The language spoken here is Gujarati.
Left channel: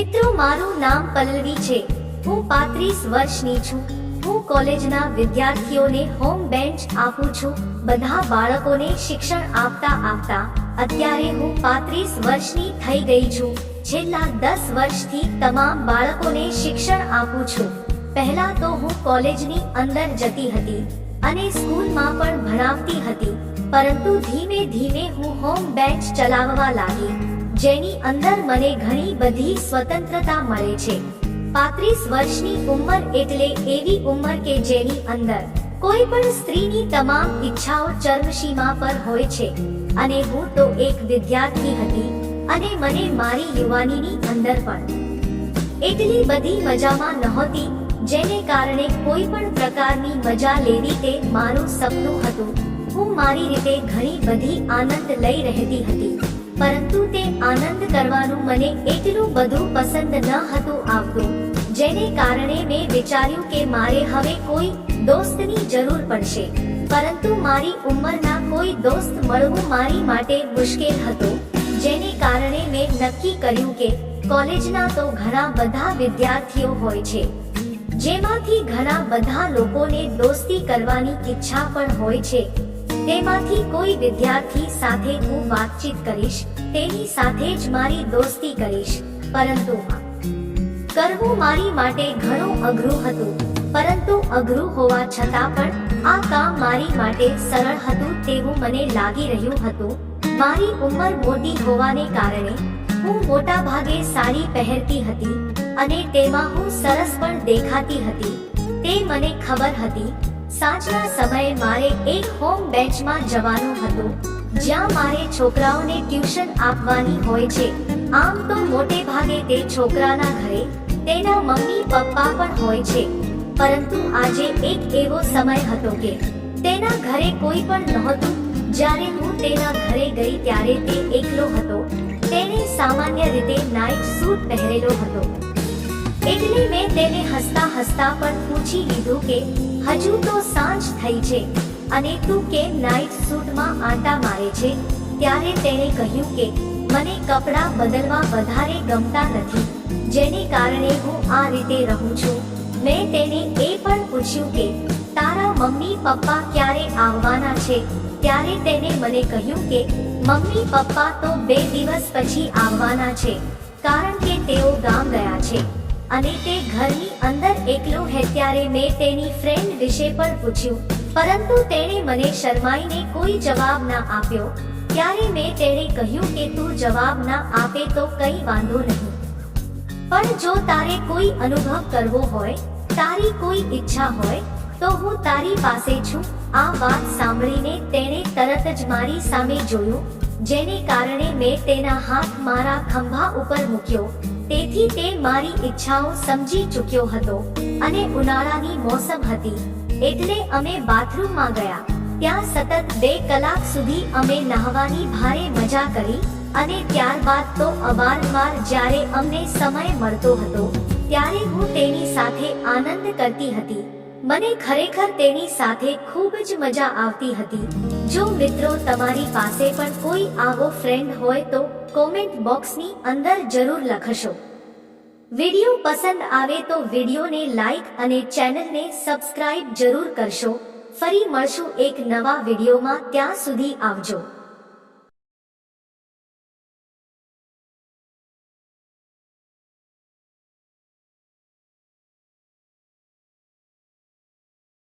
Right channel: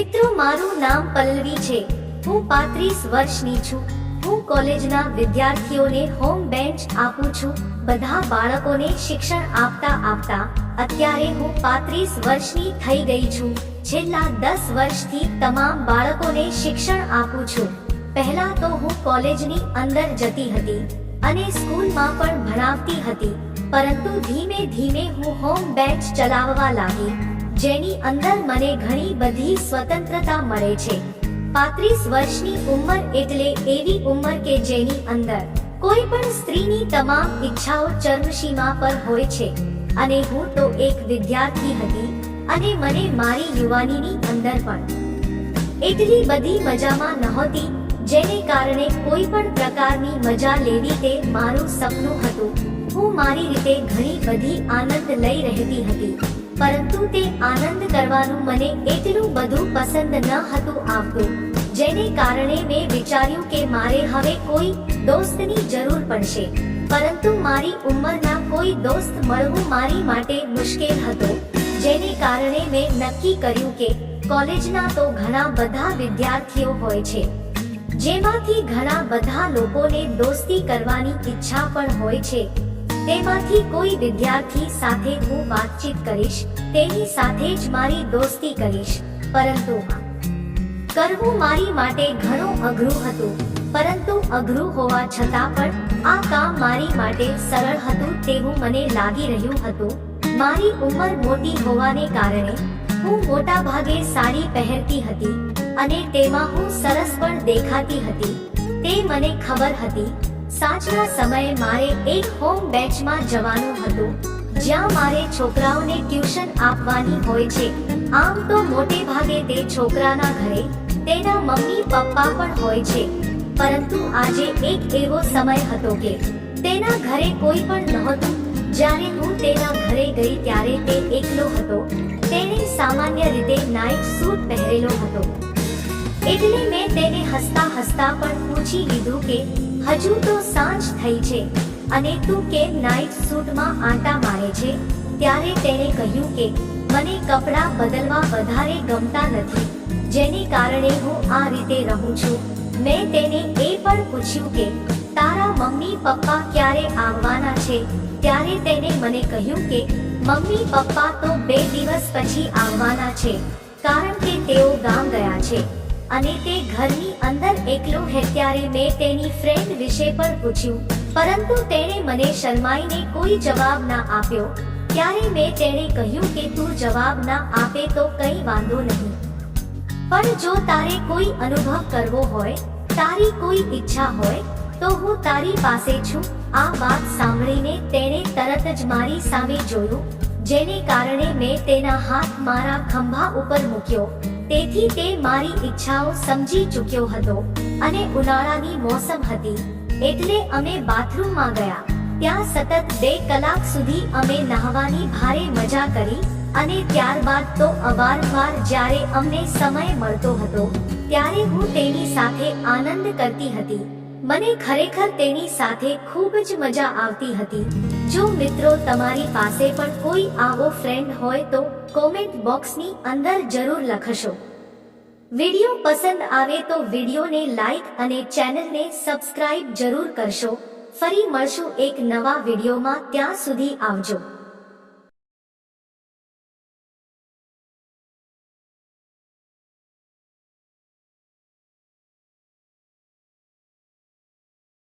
મિત્રો, મારું નામ પલ્લવી છે. હું 35 વર્ષની છું. હું કોલેજના વિદ્યાર્થીઓને હોમ બેન્ચ આપું છું. બધા બાળકોને શિક્ષણ આપતા આપતા અત્યારે હું 35 વર્ષની થઈ ગઈ છું. છેલ્લા 10 વર્ષથી તમામ બાળકોને શિક્ષણ આપું છું. પહેલા તો હું કોલેજની અંદર જતી હતી અને સ્કૂલમાં પણ ભણાવતી હતી, પરંતુ ધીમે ધીમે હું હોમ બેન્ચ ચલાવવા લાગી, જેની અંદર મને ઘણી બધી સ્વતંત્રતા મળે છે. 35 વર્ષની ઉંમર એટલે એવી ઉંમર કે જેની અંદર કોઈ પણ સ્ત્રીની તમામ ઈચ્છાઓ ચરમસીમા પર હોય છે. અને હું તો એક વિદ્યાર્થી હતી અને મને મારી યુવાનીની અંદર પણ એટલી બધી મજામાં નહોતી, જેને કારણે કોઈ પણ પ્રકારની મજા લેવી તે મારું સપનું હતું. હું મારી રીતે ઘણી બધી આનંદ લઈ રહેતી હતી, પરંતુ તે આનંદ કરવાનું મને એટલું બધું પસંદ ન હતું આવતું, જેને કારણે મેં વિચાર્યું કે મારે હવે કોઈ દોસ્તની જરૂર પડશે. પરંતુ મારી ઉંમરના કોઈ દોસ્ત મળવું મારી માટે મુશ્કેલ હતો, જેને કારણે મેં નક્કી કર્યું કે કોલેજના તો ઘણા બધા વિદ્યાર્થીઓ હોય છે, જેમાંથી ઘણા બધા લોકોને દોસ્તી કરવાની ઈચ્છા પણ હોય છે. તેમાંથી કોઈ વિદ્યાર્થી સાથે હું વાતચીત કરીશ, તેની સાથે જ મારી દોસ્તી કરીશ. પરંતુ કરવું મારી માટે ઘણું અઘરું હતું. પરંતુ અઘરું હોવા છતાં પણ આ કામ મારી માટે સરળ હતું તેવું મને લાગી રહ્યું હતું. મારી ઉંમર મોટી હોવાને કારણે હું મોટા ભાગે સાડી પહેરતી હતી અને તેમાં હું સરસ પણ દેખાતી હતી. તે મને ખબર હતી. સાંજના સમયે મારે એક હોમ બેન્ચમાં જવાનું હતું, જ્યાં મારે છોકરાઓને ટ્યુશન આપવાની હોય છે. આમ તો મોટે ભાગે તે છોકરાના ઘરે તેના મમ્મી પપ્પા પણ હોય છે, પરંતુ આજે એક એવો સમય હતો કે તેના ઘરે કોઈ પણ નહોતું. જ્યારે હું તેના ઘરે ગઈ ત્યારે તે એકલો હતો. તેણે સામાન્ય રીતે નાઇટ સૂટ પહેરેલો હતો, એટલે મેં તેને હસતા હસતા પણ પૂછી લીધું કે હજુ તો સાંજ થઈ છે અને તું કેમ નાઇટ સૂટમાં આંટા મારે છે. ત્યારે તેણે કહ્યું કે મને કપડાં બદલવા વધારે ગમતા નથી, જેને કારણે હું આ રીતે રહું છું. મેં તેને એ પણ પૂછ્યું કે તારા મમ્મી પપ્પા ક્યારે આવવાના છે. ત્યારે તેને મને કહ્યું કે મમ્મી પપ્પા તો 2 દિવસ પછી આવવાના છે, કારણ કે તેઓ ગામ ગયા છે અને તે ઘરની અંદર એકલો હે. ત્યારે મેં તેની ફ્રેન્ડ વિશે પણ પૂછ્યું, પરંતુ તેણે મને શરમાઈને કોઈ જવાબ ના આપ્યો. ત્યારે મેં તેને કહ્યું કે તું જવાબ ના આપે તો કંઈ વાંધો નહીં, પણ જો તારે કોઈ અનુભવ કરવો હોય, તારી કોઈ ઈચ્છા હોય, તો હું તારી પાસે છું. આ વાત સાંભળીને તેણે તરત જ મારી સામે જોયું, જેને કારણે મેં તેના હાથ મારા ખંભા ઉપર મૂક્યો. તેથી તે મારી ઈચ્છાઓ સમજી ચૂક્યો હતો અને ઉનાળાની મોસમ હતી, એટલે અમે બાથરૂમમાં ગયા. ત્યાં સતત 2 કલાક સુધી અમે નહાવાની ભારે મજા કરી અને ત્યારબાદ તો અવારનવાર જ્યારે અમને સમય મળતો હતો ત્યારે હું તેની સાથે આનંદ કરતી હતી. મને ખરેખર તેની સાથે ખૂબ જ મજા આવતી હતી. જો મિત્રો, તમારી પાસે પણ કોઈ આવો ફ્રેન્ડ હોય તો કોમેન્ટ બોક્સની અંદર જરૂર લખશો. વિડિયો પસંદ આવે તો વિડિયોને લાઈક અને ચેનલને સબસ્ક્રાઇબ જરૂર કરશો. ફરી મળશું એક નવા વિડિયોમાં. ત્યાં સુધી આવજો.